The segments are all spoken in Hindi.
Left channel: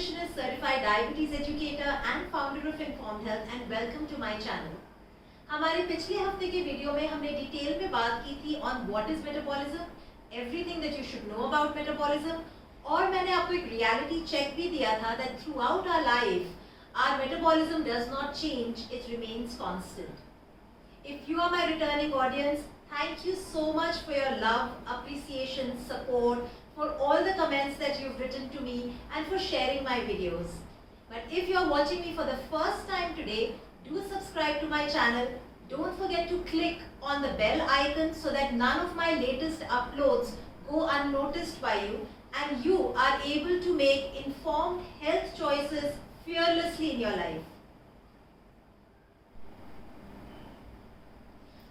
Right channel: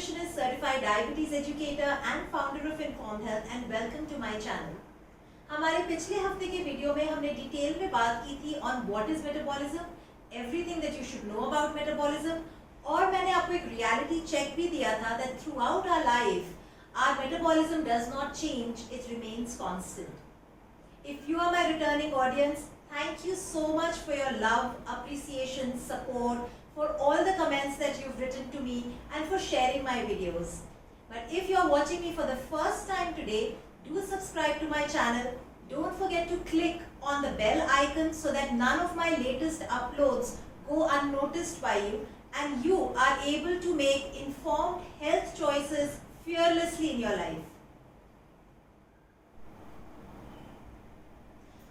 nutritionist, certified diabetes educator and founder of Informed Health and welcome to my channel. हमारे पिछले हफ्ते के वीडियो में हमने डिटेल में बात की थी on what is metabolism, everything that you should know about metabolism, और मैंने आपको एक रियलिटी चेक भी दिया था that throughout our life our metabolism does not change, it remains constant. If you are my returning audience, thank you so much for your love, appreciation, support, for all the comments that you've written to me and for sharing my videos. But if you are watching me for the first time today, do subscribe to my channel. Don't forget to click on the bell icon so that none of my latest uploads go unnoticed by you and you are able to make informed health choices fearlessly in your life.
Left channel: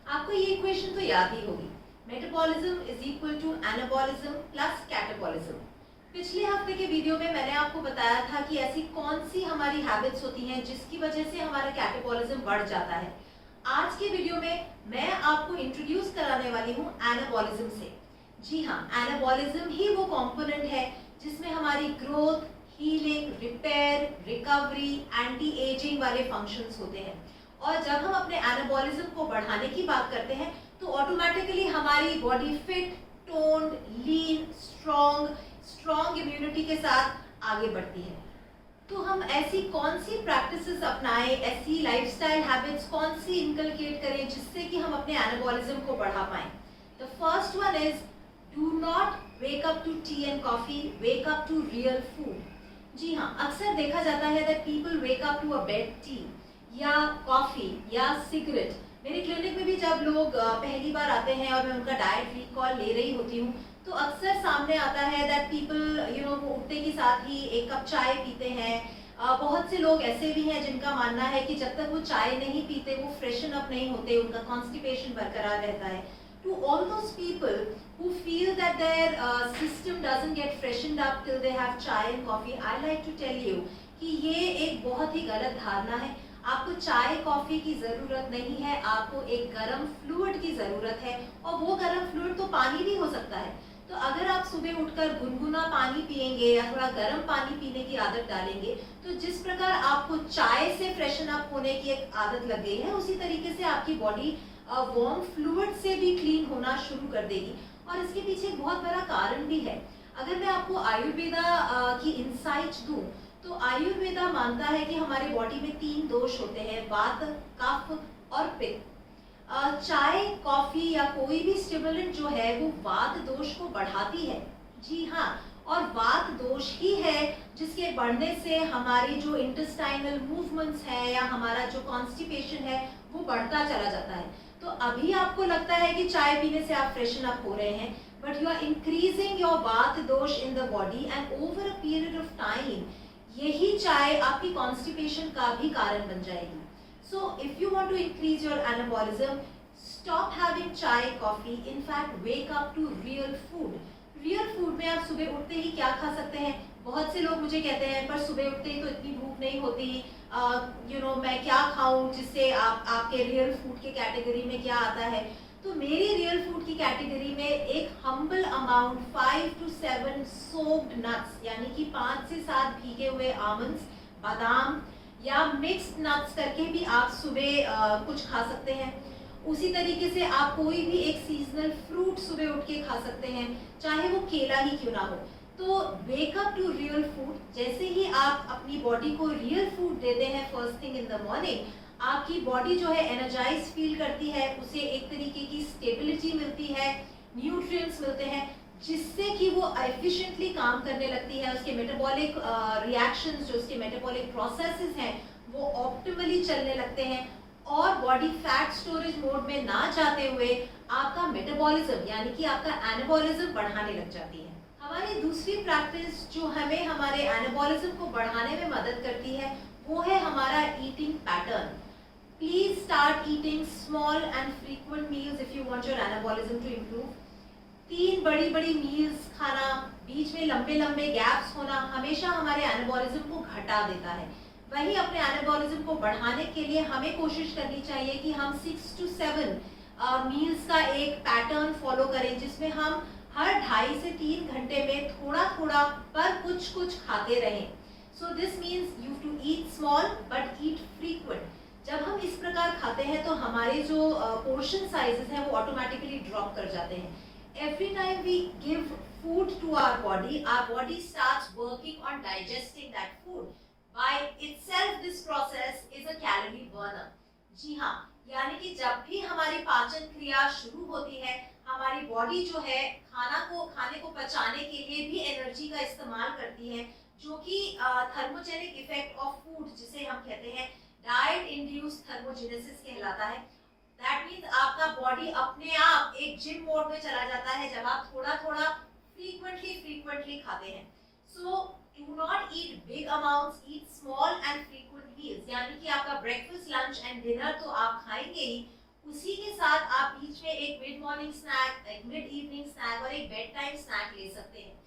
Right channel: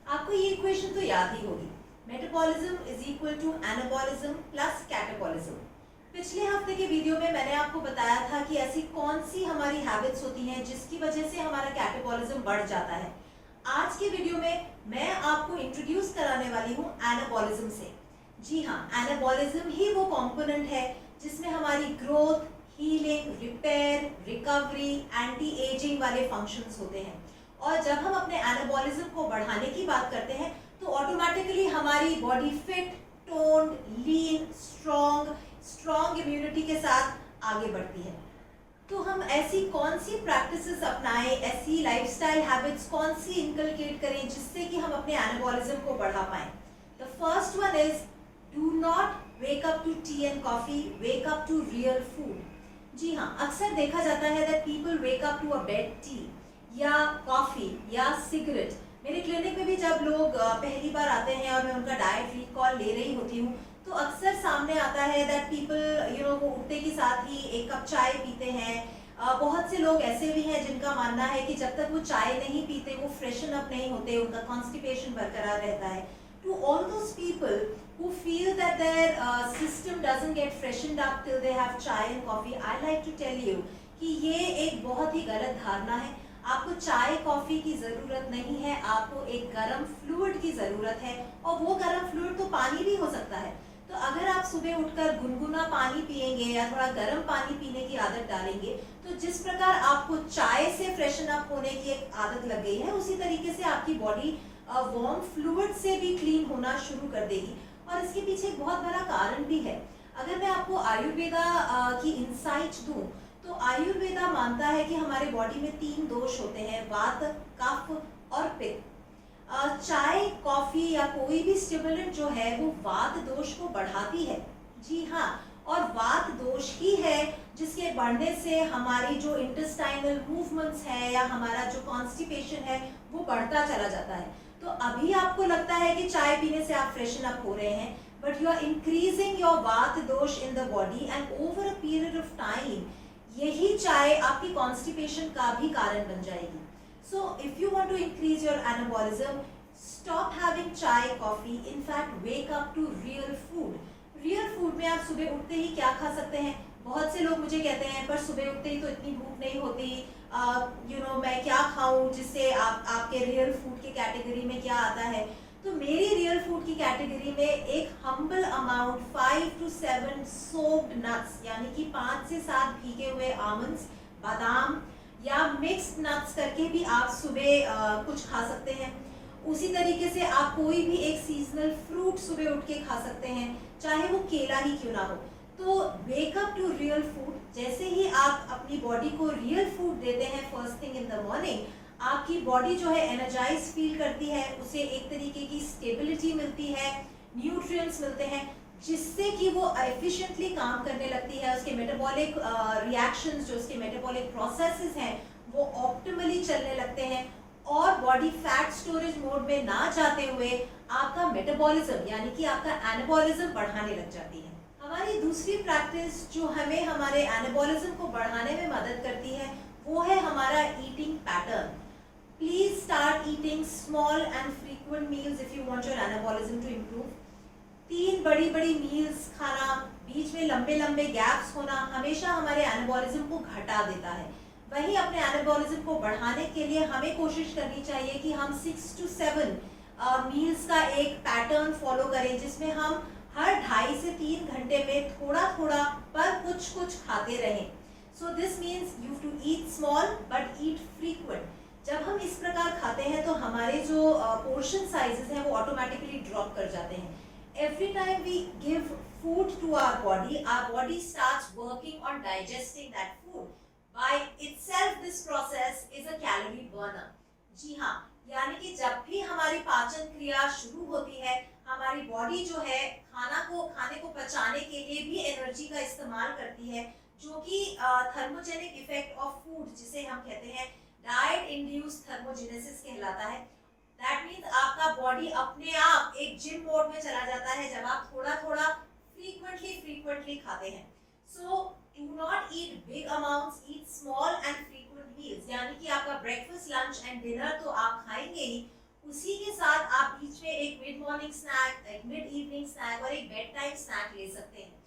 आपको ये इक्वेशन तो याद ही होगी, metabolism is equal to anabolism plus catabolism. पिछले हफ्ते के वीडियो में मैंने आपको बताया था कि ऐसी कौन सी हमारी हैबिट्स होती हैं जिसकी वजह से हमारा कैटाबॉलिज्म बढ़ जाता है. आज के वीडियो में मैं आपको इंट्रोड्यूस कराने वाली हूँ एनाबॉलिज्म से. जी हाँ, एनाबॉलिज्म ही वो कंपोनेंट है जिसमें हमारी growth, healing, repair, recovery, anti ageing वाले फंक्शंस होते हैं. और जब हम अपने एनाबॉलिज्म को बढ़ाने की बात करते हैं तो ऑटोमेटिकली हमारी बॉडी फिट, टोन्ड, लीन, स्ट्रॉन्ग इम्यूनिटी के साथ आगे बढ़ती है. तो हम ऐसी कौन सी प्रैक्टिसेस अपनाएं, ऐसी लाइफस्टाइल हैबिट्स कौन सी इनकलकेट करें जिससे कि हम अपने एनाबॉलिज्म को बढ़ा पाएं. The first one is do not wake up to tea and coffee, wake up to real food. जी हाँ, अक्सर देखा जाता है that people wake up to a bed tea या कॉफी या सिगरेट. मेरे क्लिनिक में भी जब लोग पहली बार आते हैं और मैं उनका डाइट रिकॉल ले रही होती हूँ तो अक्सर सामने आता है दैट पीपल वो उठते के साथ ही एक कप चाय पीते हैं. बहुत से लोग ऐसे भी हैं जिनका मानना है कि जब तक वो चाय नहीं पीते वो फ्रेशन अप नहीं होते, उनका कॉन्स्टिपेशन बरकरार रहता है. To all those people who feel that their system doesn't get freshened up till they have chai and coffee, I like to tell you कि ये एक बहुत ही गलत धारणा है. आपको चाय कॉफी की जरूरत नहीं है, आपको एक गर्म फ्लूइड की जरूरत है और वो गर्म फ्लूइड तो पानी भी हो सकता है. तो अगर आप सुबह उठकर गुनगुना पानी पिएंगे या थोड़ा गर्म पानी पीने की आदत डालेंगे तो जिस प्रकार आपको चाय से फ्रेशन अप होने की एक आदत लग गई है उसी तरीके से आपकी बॉडी वार्म फ्लूइड से भी क्लीन होना शुरू कर देगी. और इसके पीछे एक बहुत बड़ा कारण भी है. अगर मैं आपको आयुर्वेदा की इंसाइट दूं तो आयुर्वेदा मानता है कि हमारे बॉडी में 3 दोष होते हैं, वात, कफ और पित्त. चाय, कॉफी या कोई भी स्टिमुलेंट जो है वो वात दोष को बढ़ाती है. जी हाँ, और वात दोष ही है जिसके बढ़ने से हमारी जो इंटेस्टाइनल मूवमेंट्स है या हमारा जो कॉन्स्टिपेशन है वो बढ़ता चला जाता है. तो अभी आपको लगता है कि चाय पीने से आप फ्रेशन अप हो रहे हैं, but you are increasing your vata dosha in the body and over a period of time यही चाय आपकी कॉन्स्टिपेशन का भी कारण बन जाएगी. So if you want to increase your anabolism, stop having chai, coffee. In fact, wake up to real food. Real food में आप सुबह उठते ही क्या खा सकते हैं? बहुत से लोग मुझे कहते हैं पर सुबह उठते ही तो इतनी भूख नहीं होती, मैं क्या खाऊं जिससे आपके रियल फूड के कैटेगरी में क्या आता है. तो मेरी रियल फूड की कैटेगरी में एक humble amount 5 to 7 soaked nuts यानी कि 5 से 7 भीगे हुए आमंड्स, बादाम या मिक्स्ड नट्स करके भी आप सुबह कुछ खा सकते हैं. उसी तरीके से आप कोई भी एक सीजनल फ्रूट सुबह उठ के खा सकते हैं, चाहे वो केला ही क्यों ना हो. तो wake up to real food. जैसे ही आप अपनी बॉडी को रियल फूड देते हैं first thing in the morning, आपकी बॉडी जो है एनर्जाइज फील करती है, उसे एक तरीके की स्टेबिलिटी मिलती है, न्यूट्रिएंट्स मिलते हैं जिससे कि वो एफिशिएंटली काम करने लगती है. उसके मेटाबॉलिक रिएक्शंस, जो उसके मेटाबॉलिक प्रोसेसेस हैं वो ऑप्टिमली चलने लगते हैं और बॉडी फैट स्टोरेज मोड में ना जाते हुए आपका मेटाबॉलिज्म यानी कि आपका एनाबॉलिज्म बढ़ाने लग जाती है. हमारी दूसरी प्रैक्टिस जो हमें हमारे एनाबॉलिज्म को बढ़ाने में मदद करती है वो है हमारा eating pattern. Please start eating small and frequent meals if you want your anabolism to improve. 3 बड़ी बड़ी मील्स खाना, बीच में लंबे लंबे गैप्स होना हमेशा हमारे एनाबॉलिज्म को घटा देता है. वहीं अपने एनाबॉलिज्म को बढ़ाने के लिए हमें कोशिश करनी चाहिए कि हम 6 to 7 मील्स का एक पैटर्न फॉलो करें जिसमें हम हर 2.5 से 3 घंटे में थोड़ा थोड़ा पर कुछ कुछ खाते रहें. So this means you to eat small but eat frequent. जब हम इस प्रकार खाते हैं तो हमारे जो पोर्शन साइजेस हैं वो ऑटोमेटिकली ड्रॉप कर जाते हैं। Every time we give food to our body starts working on digesting that food. By itself this process is a calorie burner. जी हाँ, यानी कि जब भी हमारी पाचन क्रिया शुरू होती है, हमारी बॉडी जो है खाने को पचाने के लिए भी एनर्जी का इस्तेमाल करती है, जो कि थर्मोजेनिक इफेक्ट ऑफ फूड जिसे हम कहते हैं डाइट इंड्यूस्ड थर्मोजेनेसिस कहलाता है। दैट मीन्स आपका बॉडी अपने आप एक जिम मोड में चला जाता है जब आप थोड़ा थोड़ा frequently खाते हैं। So do not eat big amounts, eat small and frequent meals। यानी कि आपका ब्रेकफास्ट, लंच एंड डिनर तो आप खाएंगे ही, उसी के साथ आप बीच में एक मिड मॉर्निंग स्नैक, एक मिड इवनिंग स्नैक और एक बेड टाइम स्नैक ले सकते हैं।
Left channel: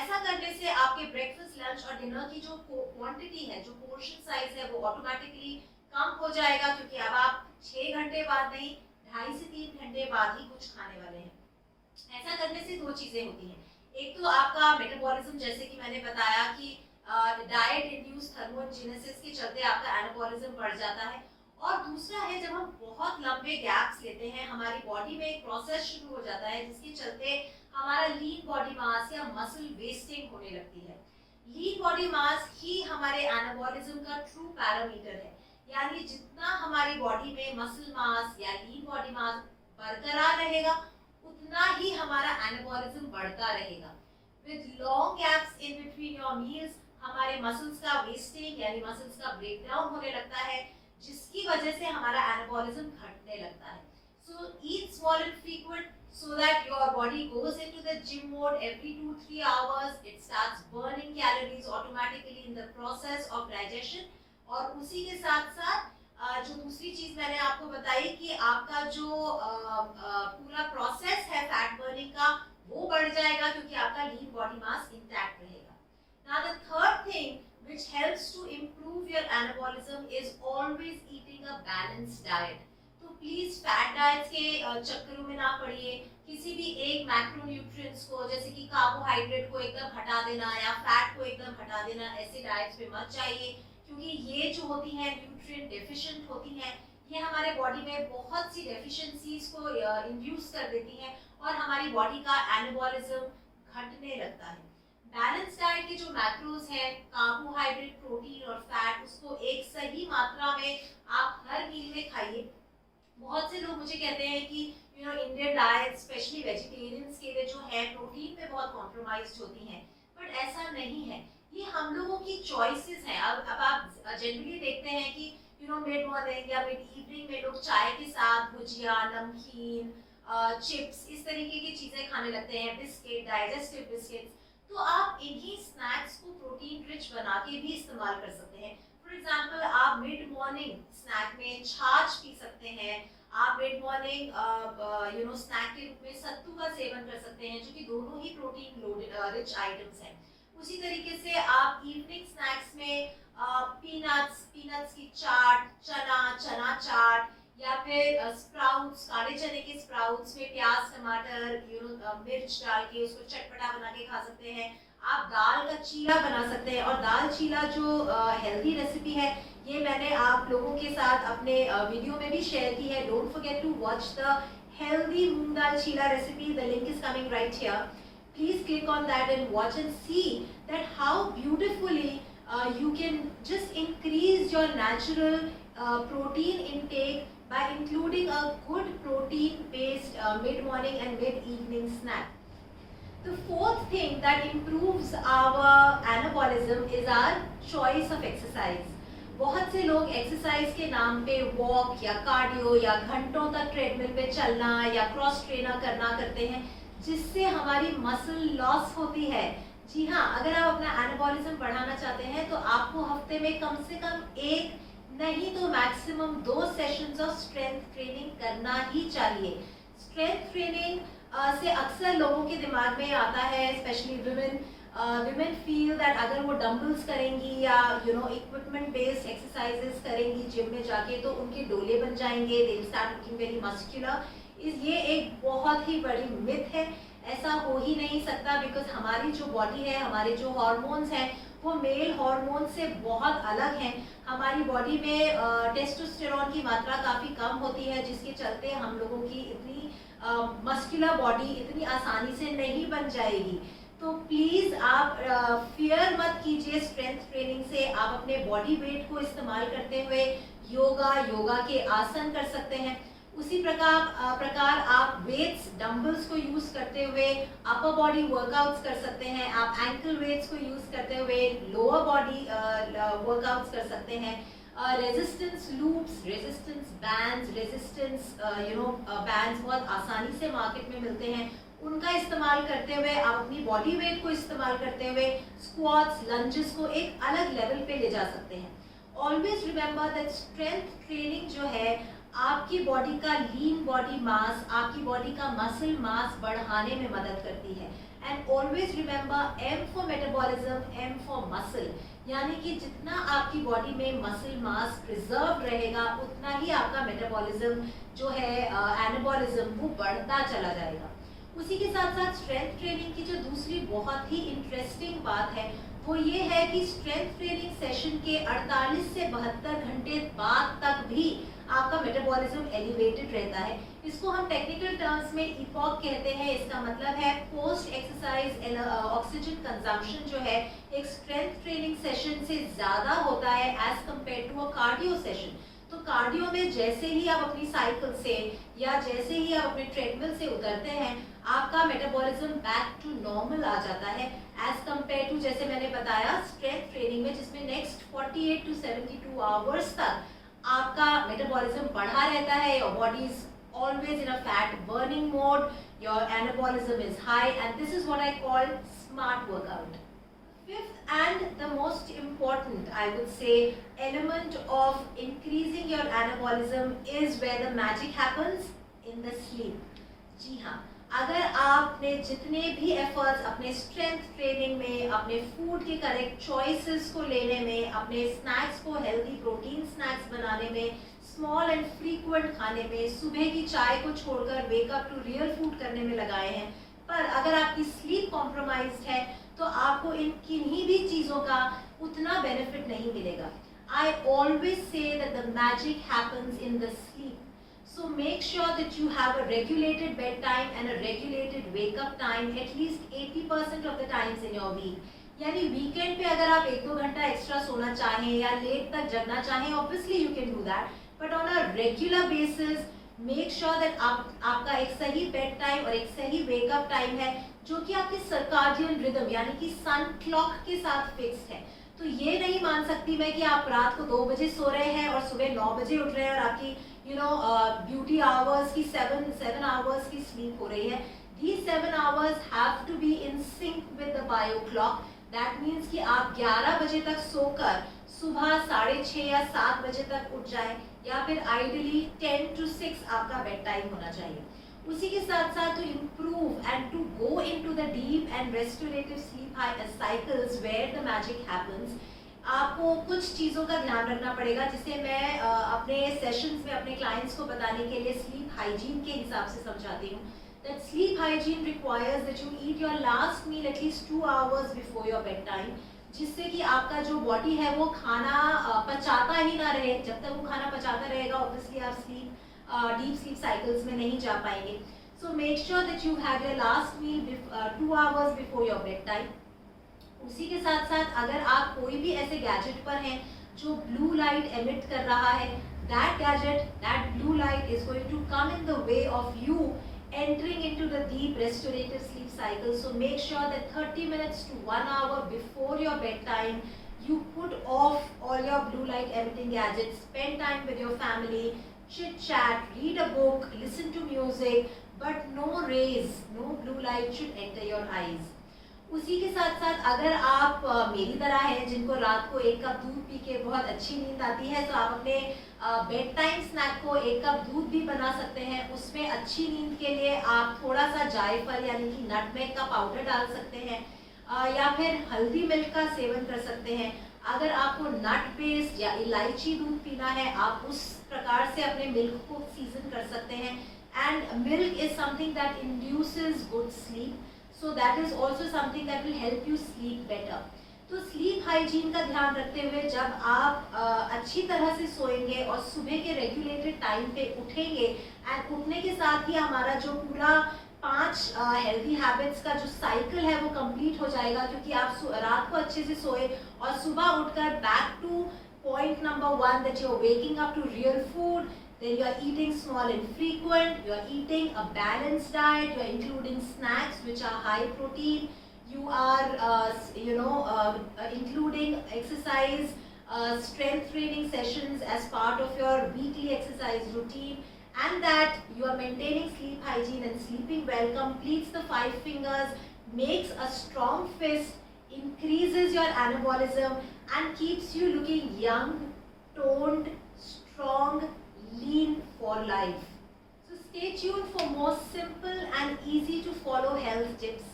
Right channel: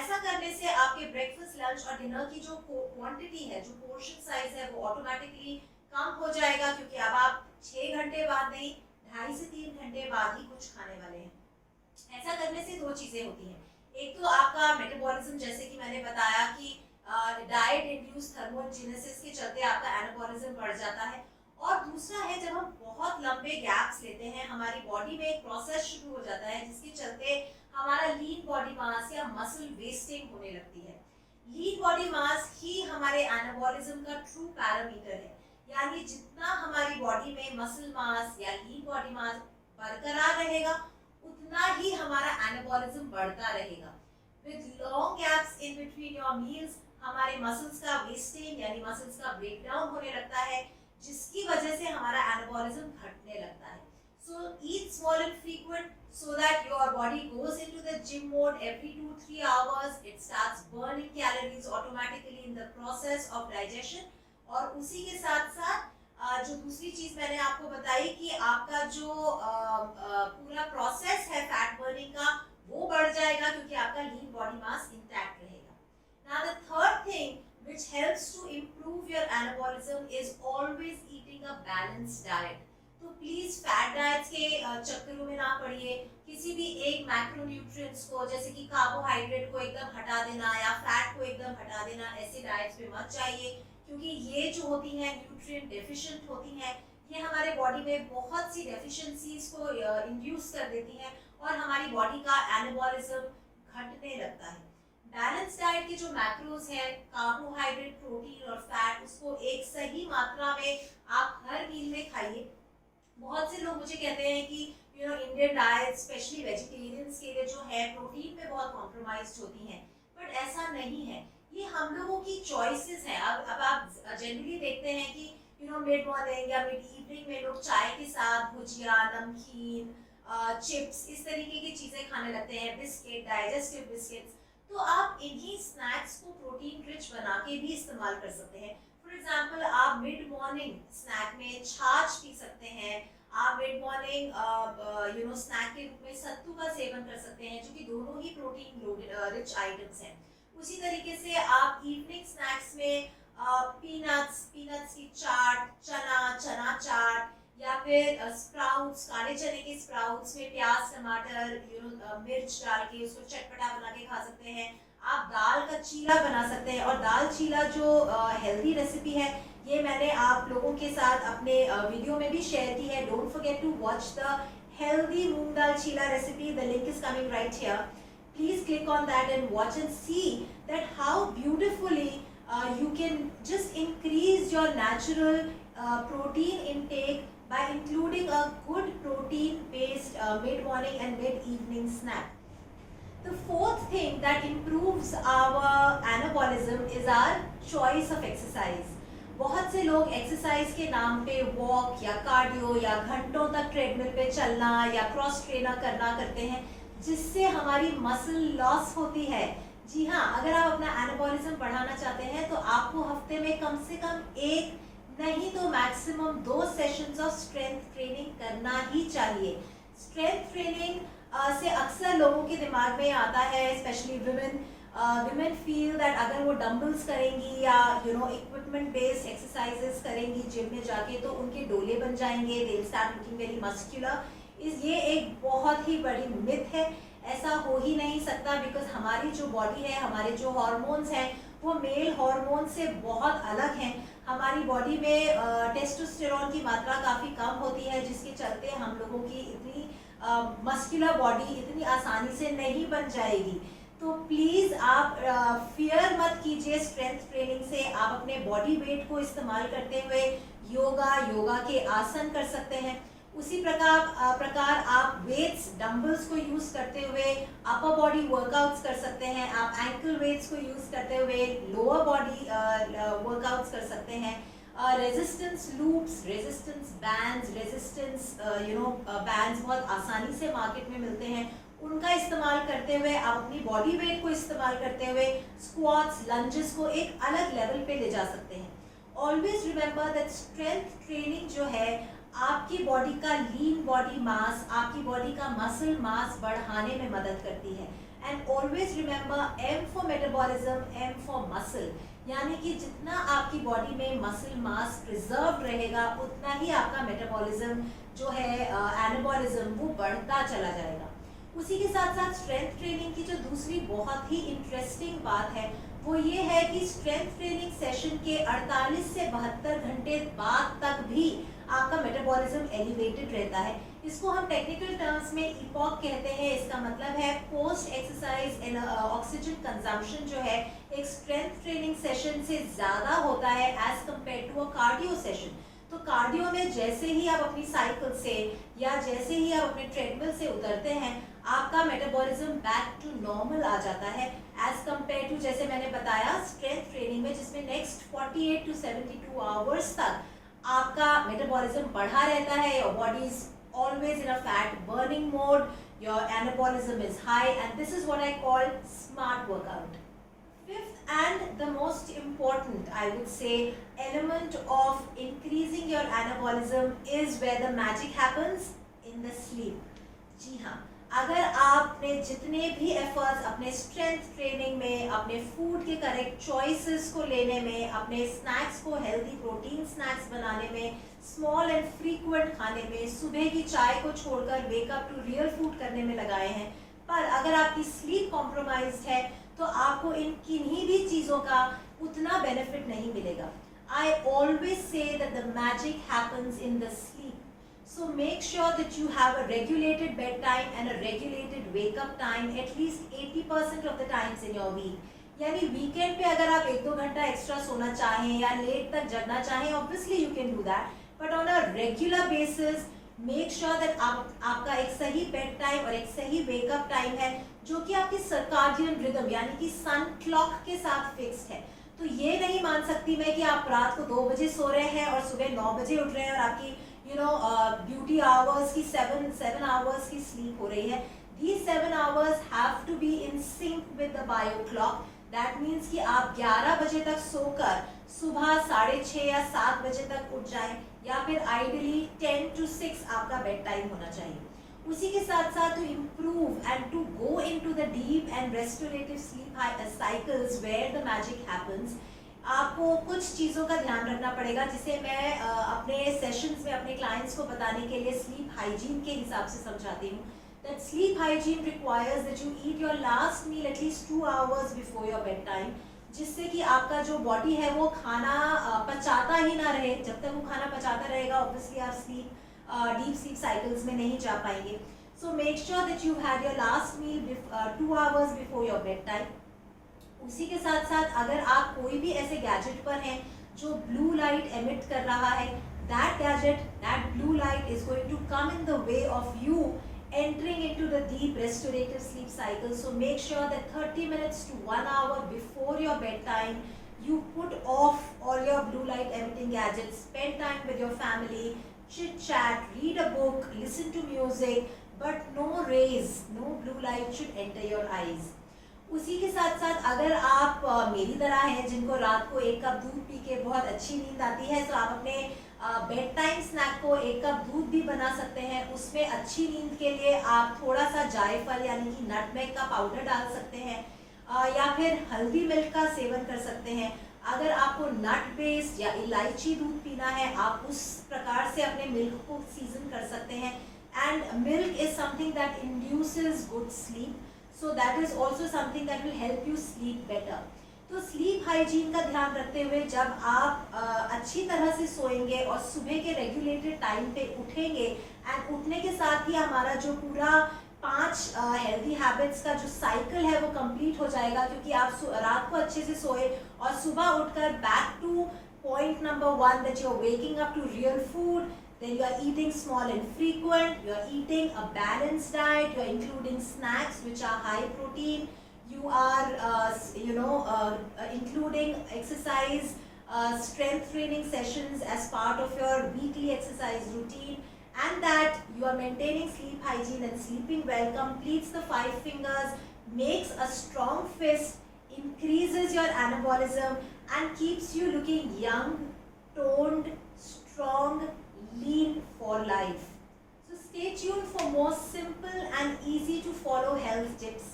ऐसा करने से आपके ब्रेकफास्ट, लंच और डिनर की जो क्वांटिटी है, जो पोर्शन साइज है, वो ऑटोमेटिकली कम हो जाएगा, क्योंकि अब आप 6 घंटे बाद नहीं, 2.5 से 3 घंटे बाद ही कुछ खाने वाले हैं। ऐसा करने से दो चीजें होती हैं, एक तो आपका मेटाबॉलिज्म, जैसे कि मैंने बताया कि डाइट इंड्यूस्ड थर्मोजेनेसिस के चलते आपका एनाबॉलिज्म बढ़ जाता है, और दूसरा है जब हम बहुत लंबे गैप्स लेते हैं, हमारी बॉडी में एक प्रोसेस शुरू हो जाता है जिसके चलते हमारा लीन बॉडी मास या मसल वेस्टिंग होने लगती है। लीन बॉडी मास ही हमारे एनाबॉलिज्म का ट्रू पैरामीटर है, यानी जितना हमारी बॉडी में मसल मास या लीन बॉडी मास बरकरार रहेगा, उतना ही हमारा एनाबॉलिज्म बढ़ता रहेगा। With long gaps in between your meals हमारे मसल्स का वेस्टिंग यानी मसल्स का ब्रेकडाउन होने लगता है, जिसकी वजह से हमारा एनाबॉलिज्म घटने लगता है। So eat small and frequent so that your body goes into the gym mode every 2-3 hours. It starts burning calories automatically in the process of digestion। और उसी के साथ साथ जो दूसरी चीज मैंने आपको बताई कि आपका जो पूरा प्रोसेस है फैट बर्निंग का, वो बढ़ जाएगा, क्योंकि आपका लीन बॉडी मास इंटैक्ट रहेगा। Now the third thing which helps to improve your anabolism is always eating a balanced diet। तो प्लीज फैट डाइट्स के चक्करों में ना पड़िए। किसी भी एक मैक्रोन्यूट्रिएंट्स को, जैसे कि कार्बोहाइड्रेट को एकदम हटा देना या फैट को एकदम हटा देना, ऐसे डाइट्स पे मत जाइए, क्योंकि ये जो होती हैं न्यूट्रिएंट डेफिशिएंट होती हैं, ये हमारे बॉडी में बहुत सी डेफिशिएंसीज को इंड्यूस कर देती हैं और हमारी बॉडी का एनाबॉलिज्म घटने लगता है। बैलेंस डाइट के जो मैक्रोज हैं, कार्बोहाइड्रेट, प्रोटीन और फैट, उसको एक सही मात्रा में आप हर मील में खाइए। बहुत से लोग मुझे कहते हैं कि इंडियन डाइट स्पेशली वेजिटेरियंस के लिए जो है प्रोटीन पे बहुत कॉम्प्रोमाइज्ड होती हैं, बट ऐसा नहीं है, ये हम लोगों की चॉइसेस हैं। अब आप जनरली देखते हैं कि मिड मॉर्निंग या मिड इवनिंग में लोग चाय के साथ भुजिया, नमकीन, चिप्स, इस तरीके की चीजें खाने लगते हैं, बिस्किट, डाइजेस्टिव बिस्किट्स। तो आप इन्हीं स्नैक्स को प्रोटीन रिच बना के भी इस्तेमाल कर सकते हैं। फॉर एग्जाम्पल, आप मिड मॉर्निंग स्नैक में छाछ पी सकते हैं, आप मिड मॉर्निंग स्नैक के रूप में सत्तू का सेवन कर सकते हैं, जो कि दोनों ही प्रोटीन रिच आइटम्स हैं। उसी तरीके से आप इवनिंग स्नैक्स में पीनट्स की चाट, चना चाट, या फिर स्प्राउट्स, काले चने के स्प्राउट्स में प्याज, टमाटर, मिर्च डाल के उसको चटपटा बना के खा सकते हैं। आप दाल का चीला बना सकते हैं, और दाल चीला जो हेल्दी रेसिपी है, ये मैंने आप लोगों के साथ अपने वीडियो में भी शेयर की है। Don't forget to watch the healthy moong dal chilla recipe, the link is coming right here. Please click on that and watch and see that how beautifully you can just increase your natural protein intake by including a good protein based mid-morning and mid-evening snack. The fourth thing that improves our anabolism is our choice of exercise. बहुत से लोग एक्सरसाइज के नाम पे वॉक या कार्डियो या घंटों तक ट्रेडमिल पे चलना या क्रॉस ट्रेनर करना करते हैं, जिससे हमारी मसल लॉस होती है। जी हाँ, अगर आप अपना एनाबॉलिज्म बढ़ाना चाहते हैं तो आपको हफ्ते में कम से कम 1 नहीं तो maximum 2 sessions of strength training करना ही चाहिए। स्ट्रेंथ ट्रेनिंग से अक्सर लोगों के दिमाग में आता है, स्पेशली विमेन फील दैट अगर वो डंबल्स करेंगी या इक्विपमेंट बेस्ड एक्सरसाइजेस करेंगी जिम में जाके, तो उनके डोले बन जाएंगे, they will start looking very muscular. ये एक बहुत ही बड़ी मिथ है, ऐसा हो ही नहीं सकता, बिकॉज हमारी जो बॉडी है, हमारे जो हार्मोन्स हैं, वो मेल हार्मोन से बहुत अलग हैं। हमारी बॉडी में टेस्टोस्टेरोन की मात्रा काफ़ी कम होती है, जिसके चलते हम लोगों की इतनी मस्कुलर बॉडी इतनी आसानी से नहीं बन जाएगी। तो प्लीज़ आप फियर मत कीजिए स्ट्रेंथ ट्रेनिंग से। आप अपने बॉडी वेट को इस्तेमाल करते हुए योगा के आसन कर सकते हैं। उसी प्रकार आप वेट्स डंबल्स को यूज़ करते हुए अपर बॉडी वर्कआउट्स कर सकते हैं। आप एंकल वेट्स को यूज़ करते हुए लोअर बॉडी वर्कआउट्स कर सकते हैं। Resistance loops, resistance bands, resistance bands बहुत आसानी से मार्केट में मिलते हैं। उनका इस्तेमाल करते हुए आप अपनी बॉडी वेट को इस्तेमाल करते हुए स्क्वाट्स, लंजेस को एक अलग लेवल पे ले जा सकते हैं। Always remember that strength training जो है आपकी बॉडी का लीन बॉडी मास, आपकी बॉडी का मसल मास बढ़ाने में मदद करती है। And always remember M for metabolism, M for muscle, यानी कि जितना आपकी बॉडी में मसल मास प्रिजर्व रहेगा उतना ही आपका मेटाबॉलिज्म जो है एनाबॉलिज्म वो बढ़ता चला जाएगा। उसी के साथ साथ स्ट्रेंथ ट्रेनिंग की जो दूसरी बहुत ही इंटरेस्टिंग बात है वो ये है कि स्ट्रेंथ ट्रेनिंग सेशन के 48 से 72 घंटे बाद तक भी आपका मेटाबॉलिज्म एलिवेटेड रहता है। इसको हम टेक्निकल टर्म्स में ईपॉक कहते हैं। इसका मतलब है पोस्ट एक्सरसाइज ऑक्सीजन कंजम्पशन जो है एक स्ट्रेंथ ट्रेनिंग सेशन से ज़्यादा होता है as compare to a cardio session. तो कार्डियो में जैसे ही आप अपनी साइकिल से या जैसे ही आप अपने ट्रेडमिल से उतरते हैं आपका मेटाबॉलिज्म बैक टू नॉर्मल आ जाता है एज कम्पेयर टू जैसे मैंने बताया स्ट्रेंथ ट्रेनिंग में, जिसमें नेक्स्ट 48 to 72 आवर्स तक आपका मेटाबॉलिज्म बढ़ा रहता है। Your body is always in a fat burning mode, your anabolism is high, and this is what I call smart workout. Fifth and the most important, I would say, element of increasing your anabolism is where the magic happens, in the sleep. जी हाँ, अगर आपने जितने भी एफर्ट्स अपने स्ट्रेंथ ट्रेनिंग में, अपने फूड के करेक्ट चॉइसेस को लेने में, अपने स्नैक्स को हेल्दी प्रोटीन स्नैक्स बनाने में, स्मॉल एंड फ्रीक्वेंट खाने में, सुबह की चाय को छोड़कर वेकअप टू रियल फूड करने में लगाए हैं, पर अगर आपकी स्लीप कॉम्प्रोमाइज्ड है तो आपको इन किन्हीं भी चीज़ों का उतना बेनिफिट नहीं मिलेगा। I always say that the magic happens in the sleep. So make sure that you have a regulated bedtime and a regulated wake up time at least 80% of the times in your week. यानी वीकेंड पे अगर आप 1-2 घंटा एक्स्ट्रा सोना चाहें या लेट तक जगना चाहें, obviously you can do that, but on a regular basis make sure that आपका एक सही बेड टाइम और एक सही वेकअप टाइम है जो कि आपकी सर्काडियन रिदम यानी कि सन क्लॉक के साथ फिक्स्ड है। तो ये नहीं मान सकती मैं कि आप रात को 2 बजे सो रहे हैं और सुबह 9 बजे उठ रहे हैं और आपकी ड्यूटी आवर्स की 7 आवर्स की स्लीप हो रही है। These 7 hours have to be in sync with the bio clock. That means कि आप 11 बजे तक सोकर सुबह 6:30 या 7 बजे तक उठ जाएं, या फिर आइडियली 10 to 6 आपका बेड टाइम होना चाहिए। उसी के साथ साथ to improve and to go into the deep and restorative sleep cycles where the magic happens, आपको कुछ चीज़ों का ध्यान रखना पड़ेगा जिसे मैं अपने सेशंस में अपने क्लाइंट्स को बताने के लिए स्लीप हाइजीन के हिसाब से समझाती हूँ। That sleep hygiene requires that you eat your last meal at least 2 hours before your bedtime, जिससे कि आपका जो बॉडी है वो खाना पचाता ही ना रहे। जब तक वो खाना पचाता रहेगा ऑब्वियसली आप डीप स्लीप साइकिल्स में नहीं जा पाएंगे। So make sure that you have your last meal 2 hours before your bedtime. उसी के साथ साथ अगर आप कोई भी ऐसे गैजेट पर हैं जो ब्लू लाइट एमिट कर रहा है, that gadget, that blue light is going to come in the way of you entering into the deep restorative sleep cycle. So make sure that 30 minutes to 1 hour before your bedtime you put off all your blue light emitting gadgets, spend time with your family, chit chat, read a book, listen to music, but no rays, no blue light should enter your eyes. उसी के साथ साथ अगर आप मेरी तरह हैं जिनको रात को 1 कप दूध पी के बहुत अच्छी नींद आती है, तो आप अपने बेड टाइम स्नैक को 1 कप दूध भी बना सकते हैं। उसमें अच्छी नींद के लिए आप थोड़ा सा जायफल यानी कि नटमेग का पाउडर डाल सकते हैं, या फिर हल्दी मिल्क का सेवन कर सकते हैं। अगर आपको नट बेस्ड या इलायची दूध पीना है, आप उस प्रकार से अपने मिल्क को सीजन कर सकते हैं। And milk is something that induces good sleep, so that is also something that will help you sleep better. तो स्लीप हाइजीन का ध्यान रखते हुए जब आप अच्छी तरह से सोएंगे और सुबह के रेगुलेटेड टाइम पे उठेंगे एंड उठने के साथ ही हमारा जो पूरा 5 हेल्दी हैबिट्स का जो साइकिल है वो कंप्लीट हो जाएगा, क्योंकि आप रात को अच्छे से सोए और सुबह उठकर back to point number 1 that you are waking up to real food, then you are eating small and frequent, you are eating a balanced diet, you are including snacks which are high protein, you are including exercise strength training sessions as part of your weekly exercise routine, and that you are maintaining sleep hygiene and sleeping well, completes the 5 fingers, makes a strong fist, increases your anabolism and keeps you looking young, toned, strong, lean for life. So stay tuned for more simple and easy to follow health tips.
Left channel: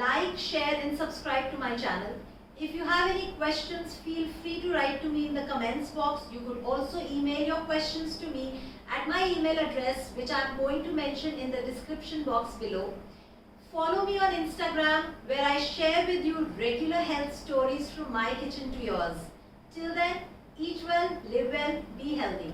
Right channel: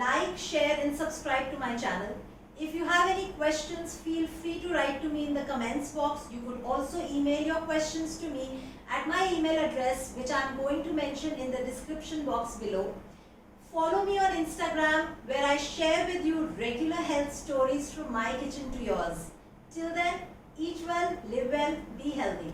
Like, share and subscribe to my channel. If you have any questions, feel free to write to me in the comments box. You could also email your questions to me at my email address, which I'm going to mention in the description box below. Follow me on Instagram, where I share with you regular health stories from my kitchen to yours. Till then, eat well, live well, be healthy.